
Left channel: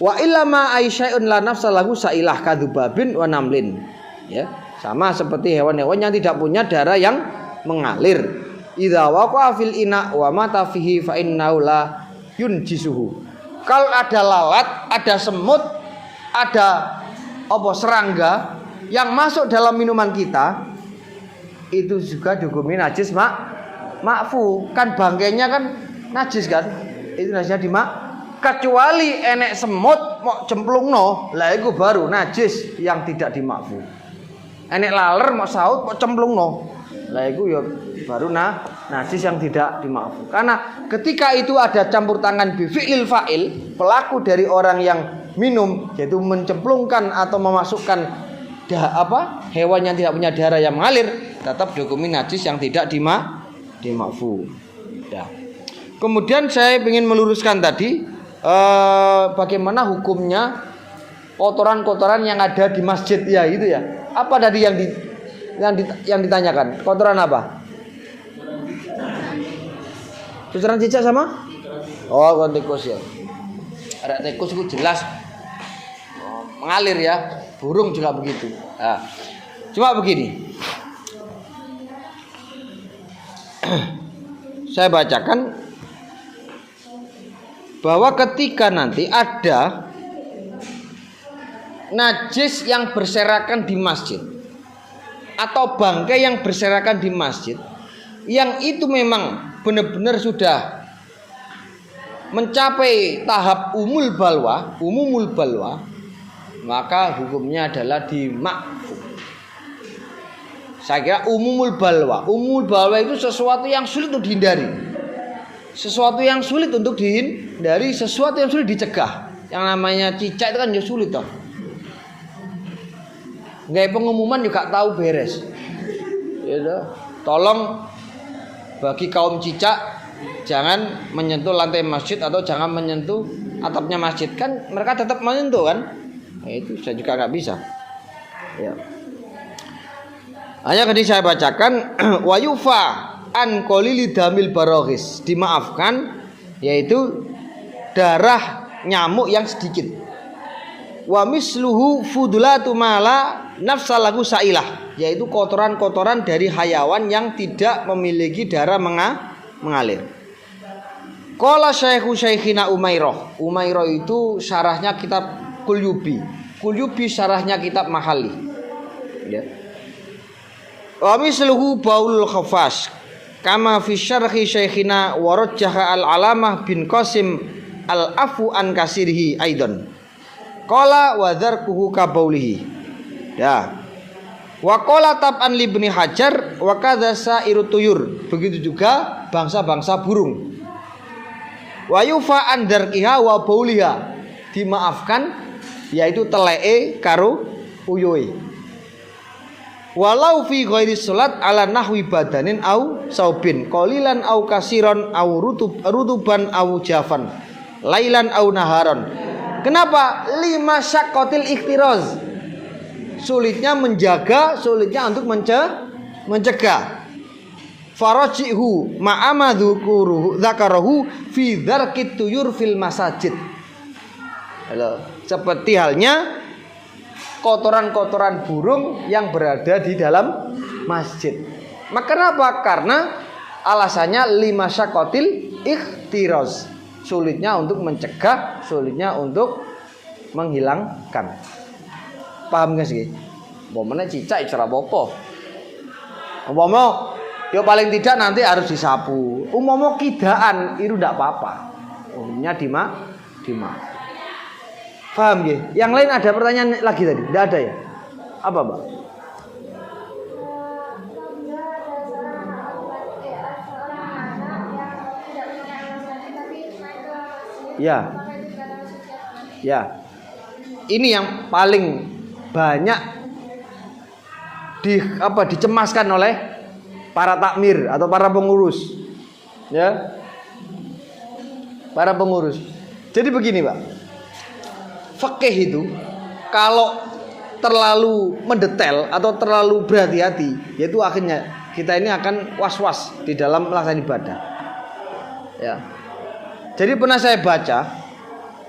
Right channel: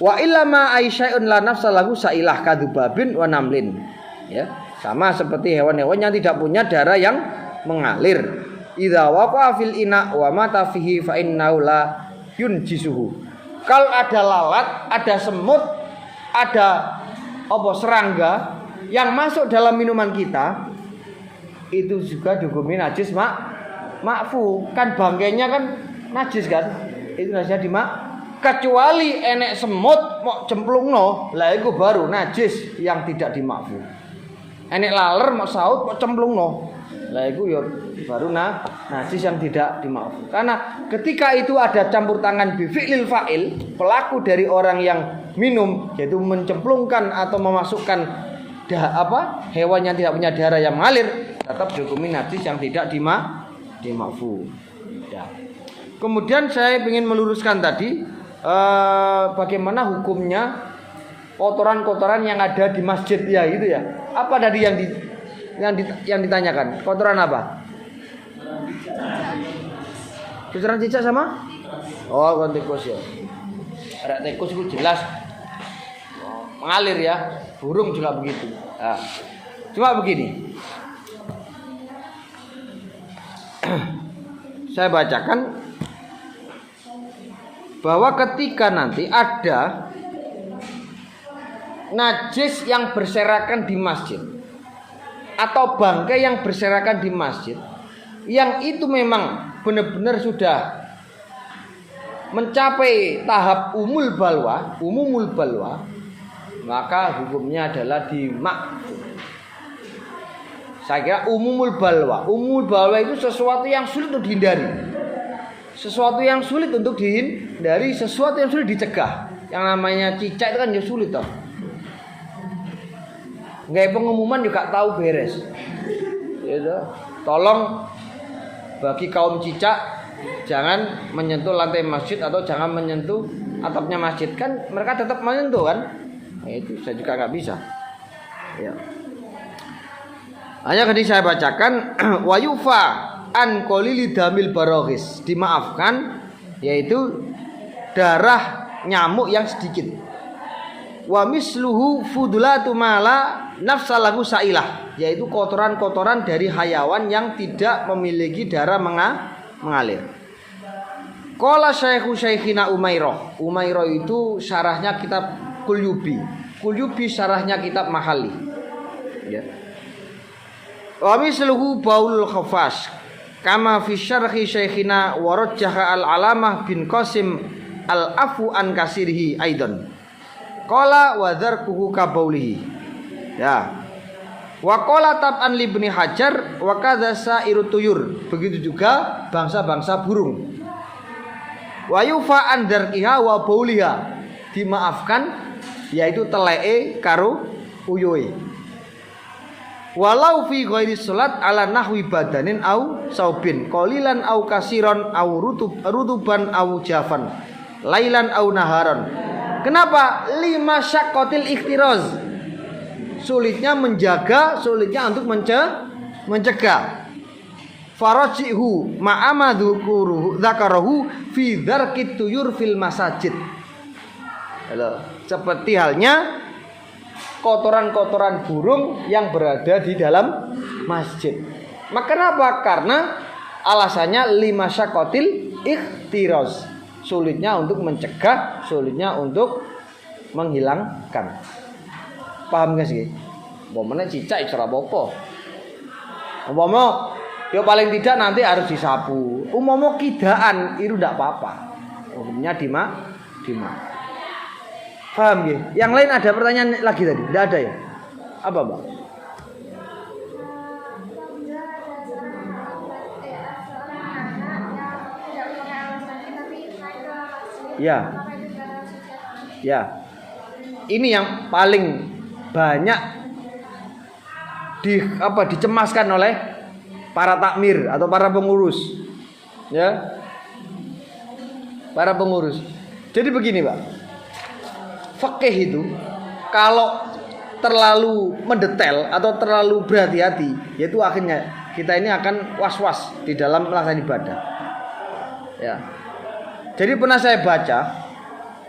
Wa illama aisya'un la nafsa lahu sa'ilah kadzubabin wa namlin. Ya, sama seperti hewan-hewan yang tidak punya darah yang mengalir. Idza waqa'a fil ina wa mata fihi fa innahu la yunjisuhu. Kalau ada lalat, ada semut, ada serangga yang masuk dalam minuman kita, itu juga dihukumi najis makfu. Kan bangkainya kan najis kan? Itu najisnya kecuali enek semut mau cemplungno, lah itu baru najis yang tidak dimakfu. Enek laler mau saut mau cemplungno, lah itu ya baru najis yang tidak dimakfu. Karena ketika itu ada campur tangan bi fi'lil fa'il, pelaku dari orang yang minum, yaitu mencemplungkan atau memasukkan hewan yang tidak punya darah yang mengalir, tetap dihukumi najis yang tidak dimakfu. Ya. Kemudian saya ingin meluruskan tadi bagaimana hukumnya kotoran-kotoran yang ada di masjid ya itu ya. Apa tadi yang ditanyakan? Kotoran apa? Kotoran cicak sama? Oh, kotoran tikus ya. Ada tikus itu jelas mengalir ya. Burung juga begitu. Nah, cuma begini. Saya bacakan bahwa ketika nanti ada najis yang berserakan di masjid atau bangkai yang berserakan di masjid, yang itu memang benar-benar sudah mencapai tahap umumul balwa, maka hukumnya adalah dimakfu. Saya kira umumul balwa itu sesuatu yang sulit untuk dihindari. Sesuatu yang sulit untuk dihindari, sesuatu yang sulit dicegah. Yang namanya cicak itu kan juga sulit toh. Nggak pengumuman juga tahu beres. Ya, tolong bagi kaum cicak jangan menyentuh lantai masjid atau jangan menyentuh atapnya masjid, kan mereka tetap menyentuh kan. Nah, itu saya juga nggak bisa. Ya. Hanya tadi saya bacakan wayufa an qalili damil baroghis, dimaafkan yaitu darah nyamuk yang sedikit. Wa misluhu fudulatu mala nafsalahu sailah, yaitu kotoran-kotoran dari hayawan yang tidak memiliki darah mengalir. Qala Syekhina Umairah. Umairah itu syarahnya kitab Qulyubi. Qulyubi syarahnya kitab Mahali. Ya. Wa misluhu baul khafas kama fi syarhi Syekhina warajjaha al-alamah bin Qasim al-afu an kasirihi aidan. Qala wa dzarkuhu ka baulihi. Ya. Wa qala tab'an li Ibnu Hajar wa kadza sa'iru tuyur. Begitu juga bangsa-bangsa burung. Wa yufa an dzarkiha wa bauliha. Dimaafkan yaitu teleke karo uyuhe. Walau fi ghairi salat ala nahwi badanin au saubin qalilan au kasiron au rutuban au jafan lailan au naharon. Kenapa? Lima syaqqatil ikhtiraz. Sulitnya menjaga, sulitnya untuk mencegah. Farajihu ma'amadzukuruhu dzakarahu fi dzarkit tuyur fil masajid. Seperti halnya kotoran-kotoran burung yang berada di dalam masjid. Maka kenapa? Karena alasannya lima syaqqatil ikhtiraz. Sulitnya untuk mencegah, sulitnya untuk menghilangkan. Paham gak sih? Umpamanya cicak cara apa? Umpama ya paling tidak nanti harus disapu. Umpama kidaan itu tidak apa-apa. Umumnya dimak. Paham ya? Yang lain ada pertanyaan lagi tadi? Tidak ada ya? Apa, Pak? Ya. Ini yang paling banyak dicemaskan oleh para takmir atau para pengurus. Ya. Para pengurus. Jadi begini, Pak. Fikih itu kalau terlalu mendetail atau terlalu berhati-hati, yaitu akhirnya kita ini akan was-was di dalam melaksanakan ibadah. Ya. Jadi pernah saya baca,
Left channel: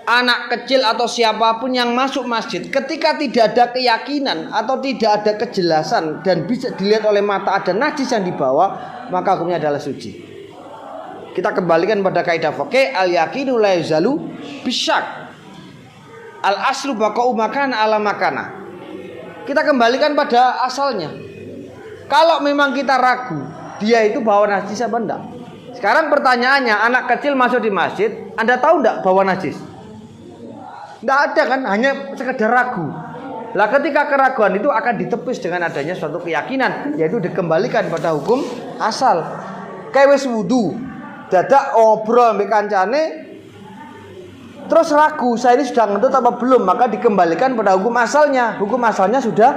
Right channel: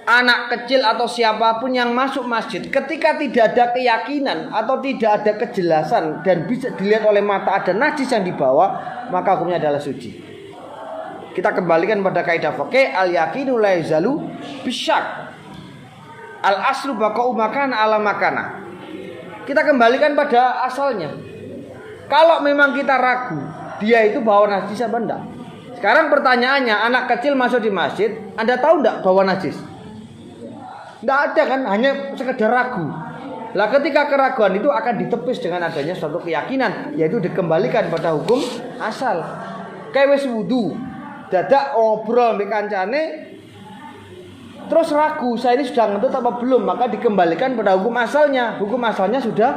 anak kecil atau siapapun yang masuk masjid ketika tidak ada keyakinan atau tidak ada kejelasan dan bisa dilihat oleh mata ada najis yang dibawa, maka hukumnya adalah suci. Kita kembalikan pada kaidah fikih al-yaqinu la yazalu bisyak. Al-aslu baqa'u makana ala makana. Kita kembalikan pada asalnya. Kalau memang kita ragu dia itu bawa najis apa enggak? Sekarang pertanyaannya, anak kecil masuk di masjid, Anda tahu enggak bawa najis? Enggak ada kan, hanya sekedar ragu. Lah ketika keraguan itu akan ditepis dengan adanya suatu keyakinan, yaitu dikembalikan pada hukum asal. Kayak wis wudu, dadak obrol mbek kancane terus ragu, saya ini sudah ngentut apa belum, maka dikembalikan pada hukum asalnya. Hukum asalnya sudah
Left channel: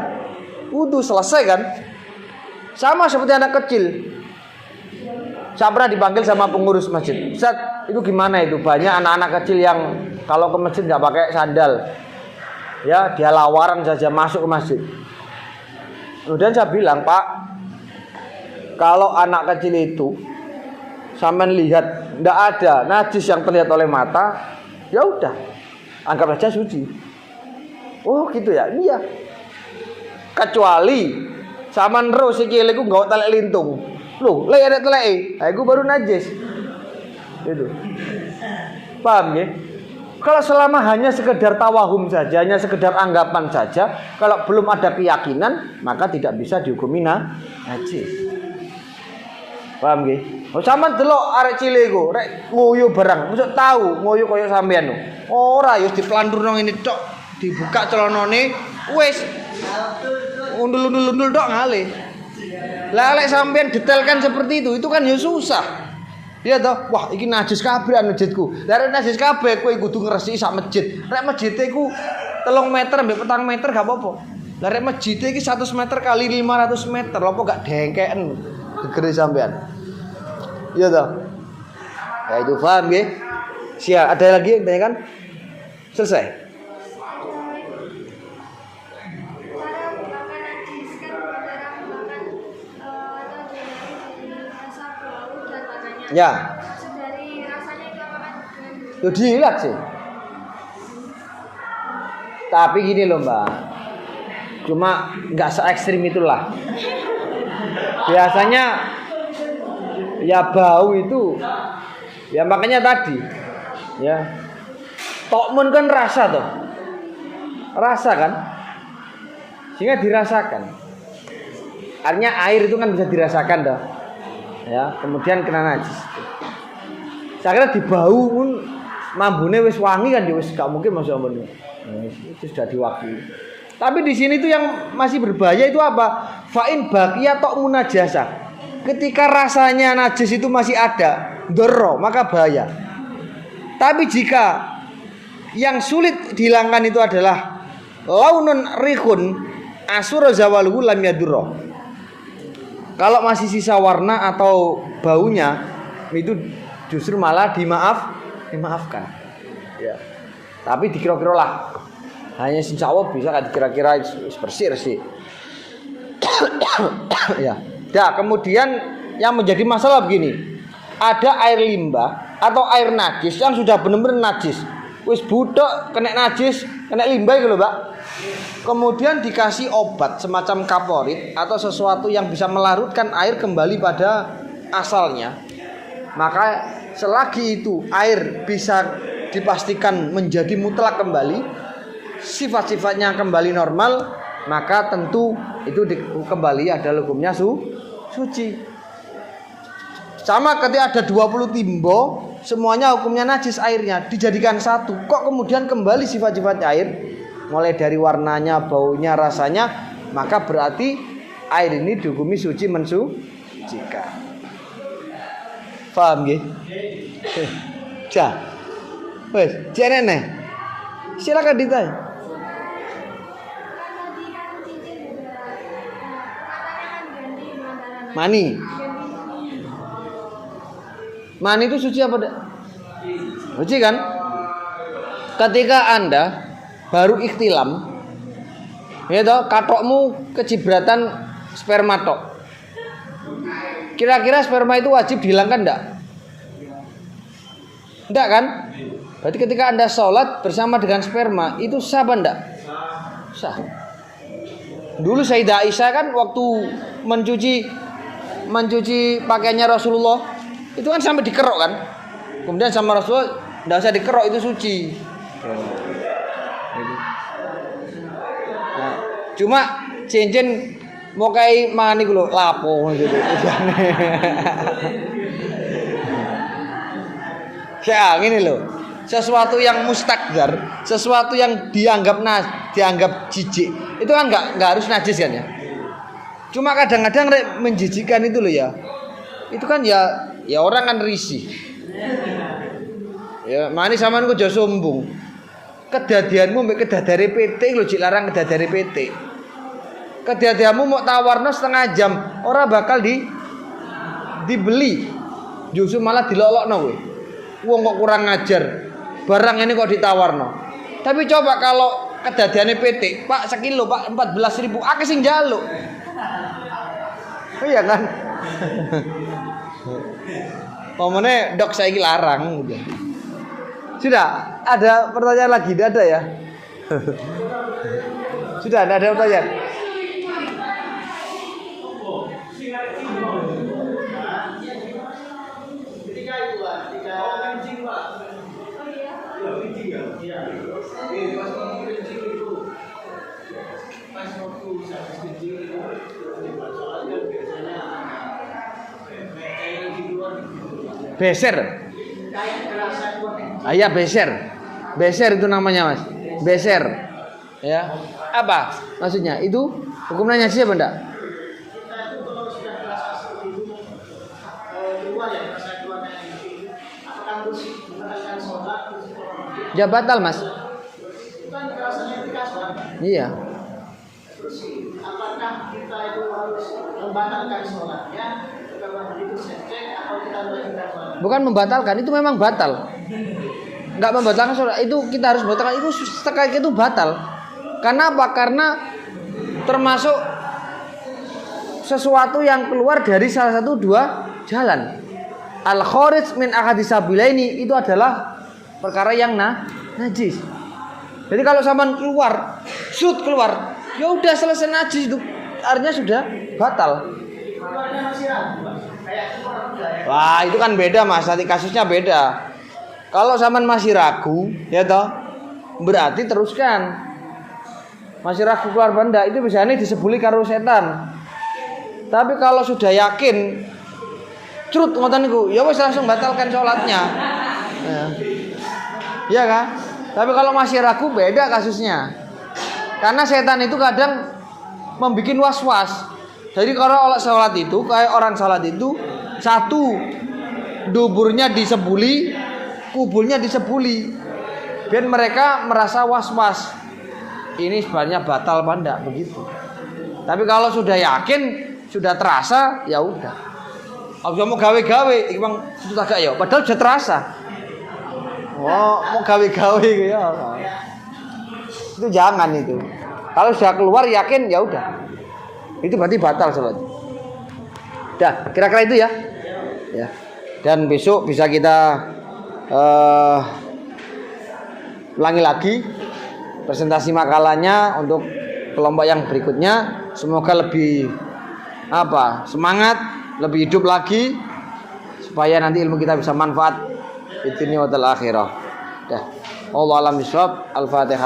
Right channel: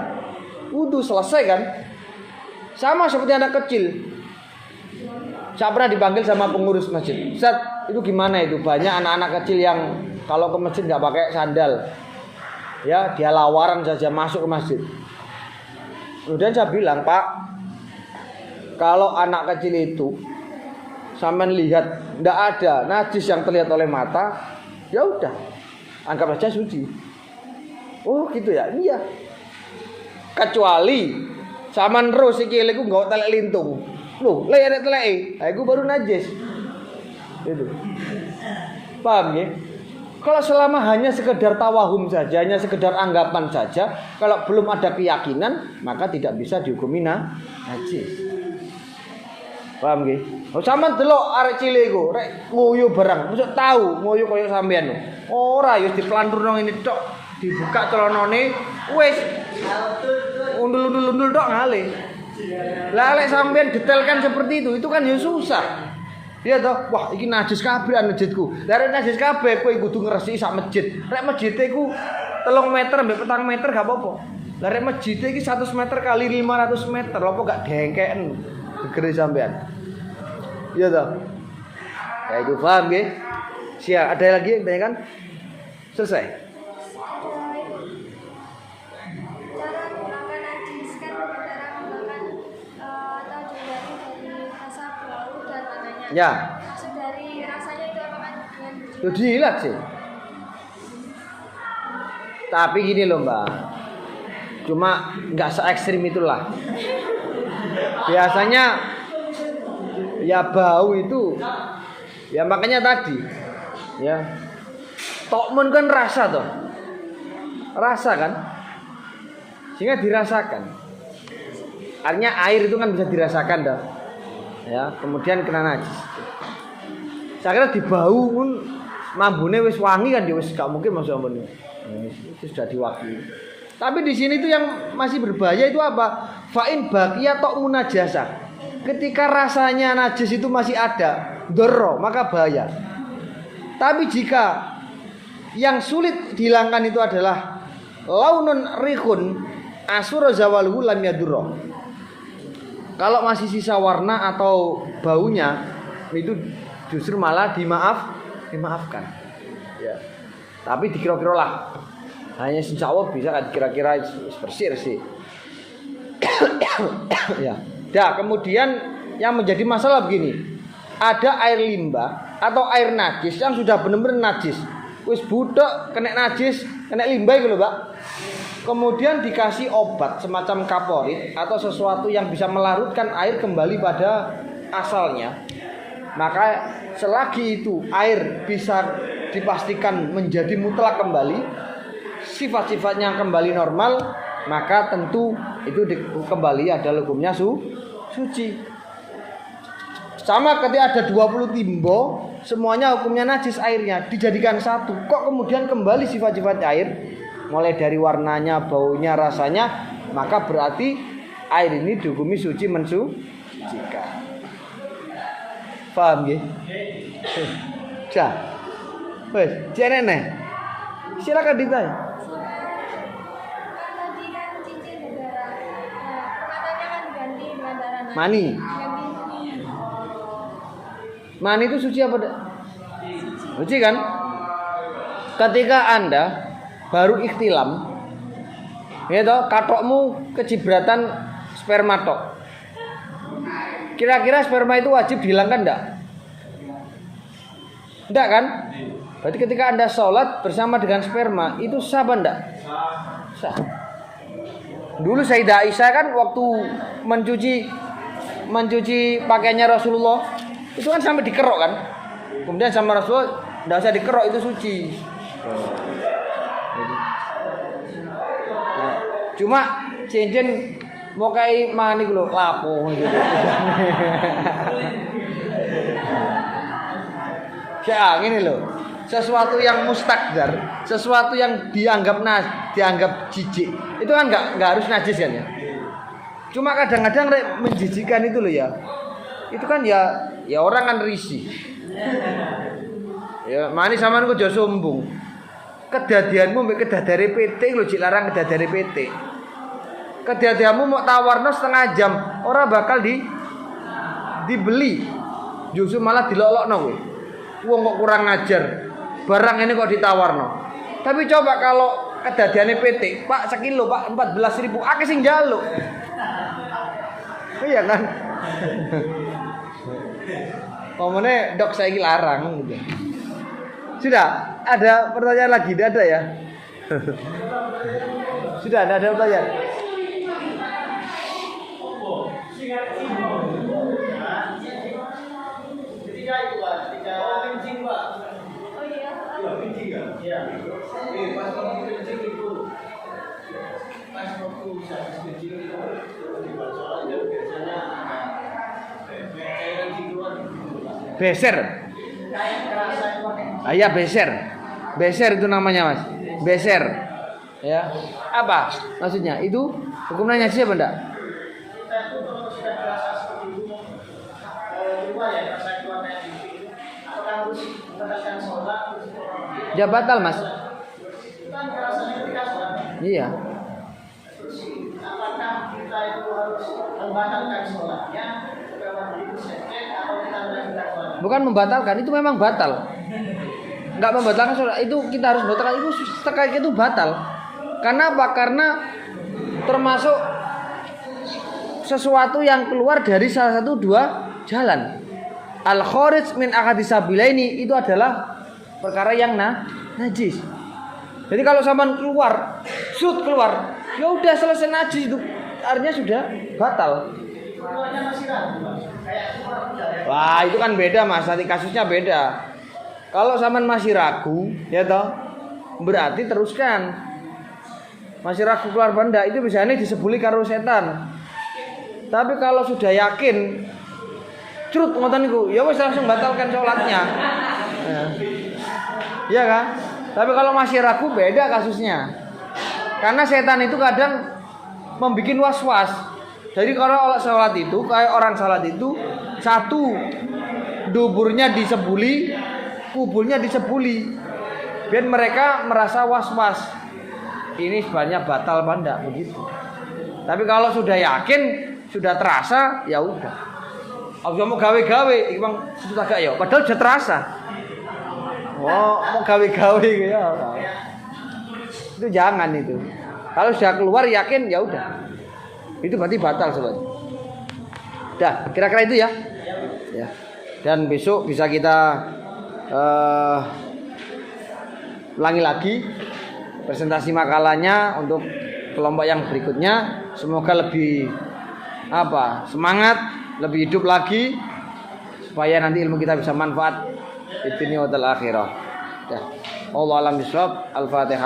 wudu, selesai kan? Sama seperti anak kecil. Saya pernah dipanggil sama pengurus masjid. Ustaz, itu gimana itu? Banyak anak-anak kecil yang kalau ke masjid nggak pakai sandal. Ya, dia lawaran saja masuk ke masjid. Kemudian saya bilang, Pak, kalau anak kecil itu sampean lihat nggak ada najis yang terlihat oleh mata, ya udah, anggap saja suci. Oh gitu ya, iya. Kecuali sampean terus iki iku nggawa telek lintung. Loh, lek ada teleke, iku baru najis. Itu. Paham ya? Kalau selama hanya sekedar tawahum saja, hanya sekedar anggapan saja, kalau belum ada keyakinan, maka tidak bisa dihukumi najis. Paham nggih? Oh sampean delok arek cilik iku, rek ngoyo barang, mesti tahu ngoyo kaya sampean. Ora ya diklandurno ngene tok, dibuka celanane, wis undul-undul tok ngalih. Lah lek sampean detailkan seperti itu kan ya susah. Iya toh, wah iki najis kabeh masjidku. Lah rek najis kabeh kowe kudu ngresiki sak masjid. Rek masjide iku 3 meter mbek 4 meter gak apa-apa. Lah rek masjide iki 100 meter kali 500 meter, lha kok gak dengkeken gegere sampean. Iya toh. Ya itu paham nggih? Siap, ada lagi yang tanyakan? Selesai. Ya. Yo jilat sih. Tapi gini loh Mbak, cuma nggak se ekstrim itulah. Biasanya ya bau itu, ya makanya tadi, ya tokmun kan rasa toh, rasa kan, sehingga dirasakan. Artinya air itu kan bisa dirasakan dah, ya kemudian kena najis. Saya kira dibau pun mambune wis wangi kan, wis gak mungkin masuk ambune. Itu sudah diwakili. Tapi di sini tuh yang masih berbahaya itu apa? Fa'in baqiya ta'mun najasa. Ketika rasanya najis itu masih ada, dorro, maka bahaya. Tapi jika yang sulit dihilangkan itu adalah launun rikun asura zawaluhu lam yadurro. Kalau masih sisa warna atau baunya itu justru malah dimaafkan. Ya. Tapi dikira-kira lah. Hanya insya Allah bisa kan kira-kira bersih sih. Ya. Nah, kemudian yang menjadi masalah begini. Ada air limbah atau air najis yang sudah benar-benar najis. Wis budek kena najis, kena limbah gitu, Mbak. Kemudian dikasih obat semacam kaporit atau sesuatu yang bisa melarutkan air kembali pada asalnya. Maka selagi itu air bisa dipastikan menjadi mutlak kembali, sifat-sifatnya kembali normal, maka tentu itu kembali adalah hukumnya suci. Sama ketika ada 20 timbo, semuanya hukumnya najis airnya, dijadikan satu. Kok kemudian kembali sifat-sifat air, mulai dari warnanya, baunya, rasanya, maka berarti air ini dihukumi suci mensucikan. Paham nggih? Cah. Wes, jenenge. Silakan ditanya. Mani itu suci apa enggak? Suci kan? Ketika Anda baru ikhtilam, ya toh, katokmu kecibratan sperma tok. Kira-kira sperma itu wajib dihilangkan enggak? Enggak kan? Berarti ketika Anda sholat bersama dengan sperma itu sah apa enggak? Sah. Dulu Sayyidah Aisyah kan waktu mencuci pakaiannya Rasulullah itu kan sampai dikerok kan. Kemudian sama Rasulullah enggak usah dikerok, itu suci. Nah, cuma cincin mau kayak mani lho lapo gitu. Ya gini loh. Sesuatu yang mustakdar, sesuatu yang dianggap jijik, itu kan nggak harus najis kan ya. Cuma kadang-kadang menjijikan itu loh ya. Itu kan ya orang kan risih. Ya mani sampean kok aja sombong. Kedadianmu mbek kedadare PT lho jik larang kedadare PT. Kedadianmu mau tawarno setengah jam, ora bakal dibeli. Justru malah dilolokno kowe. Wong kok kurang ngajar. Barang ini kok ditawarno. Tapi coba kalau kedadiane PT, Pak sekilo Pak 14.000, akeh sing njaluk. Iya kan? Omone dok saiki larang udah. Sudah, ada pertanyaan lagi? Tidak ada ya? Sudah, ada pertanyaan. Beser. Ayah beser. Beser itu namanya Mas. Beser. Ya. Apa maksudnya? Itu hukumnya siapa enggak? Ya batal Mas. Iya. Apakah kita itu harus membatalkan sholatnya? Bukan membatalkan, itu memang batal. Enggak membatalkan sholat, itu kita harus batalkan, itu sekali itu batal. Karena apa? Karena termasuk sesuatu yang keluar dari salah satu dua jalan. Al-kharij min ahadisabilaini itu adalah perkara yang najis. Jadi kalau sampean keluar, ya udah selesai najis itu, artinya sudah batal. Lah itu kan beda Mas, nanti kasusnya beda. Kalau sampean masih ragu, ya toh, berarti teruskan. Masih ragu keluar benda itu biasanya disebuli karo setan. Tapi kalau sudah yakin, crut ngoten niku, ya wis langsung batalkan sholatnya. Ya kan? Tapi kalau masih ragu beda kasusnya. Karena setan itu kadang membuat was-was. Jadi kalau sholat itu, kayak orang sholat itu, satu duburnya disebuli, kuburnya disebuli. Biar mereka merasa was-was. Ini sebenarnya batal apa enggak begitu. Tapi kalau sudah yakin, sudah terasa, ya udah. Aku mau gawe-gawe, Bang, itu agak ya. Padahal sudah terasa. Oh, mau gawe-gawe gitu. Itu jangan itu. Kalau sudah keluar yakin ya udah. Itu berarti batal sobat. Dah, kira-kira itu ya. Ya. Dan besok bisa kita ulangi lagi presentasi makalahnya untuk kelompok yang berikutnya. Semoga lebih semangat, lebih hidup lagi supaya nanti ilmu kita bisa manfaat di dunia wal akhirah. Dah. Wallahu a'lam bishawab. Al-Fatihah.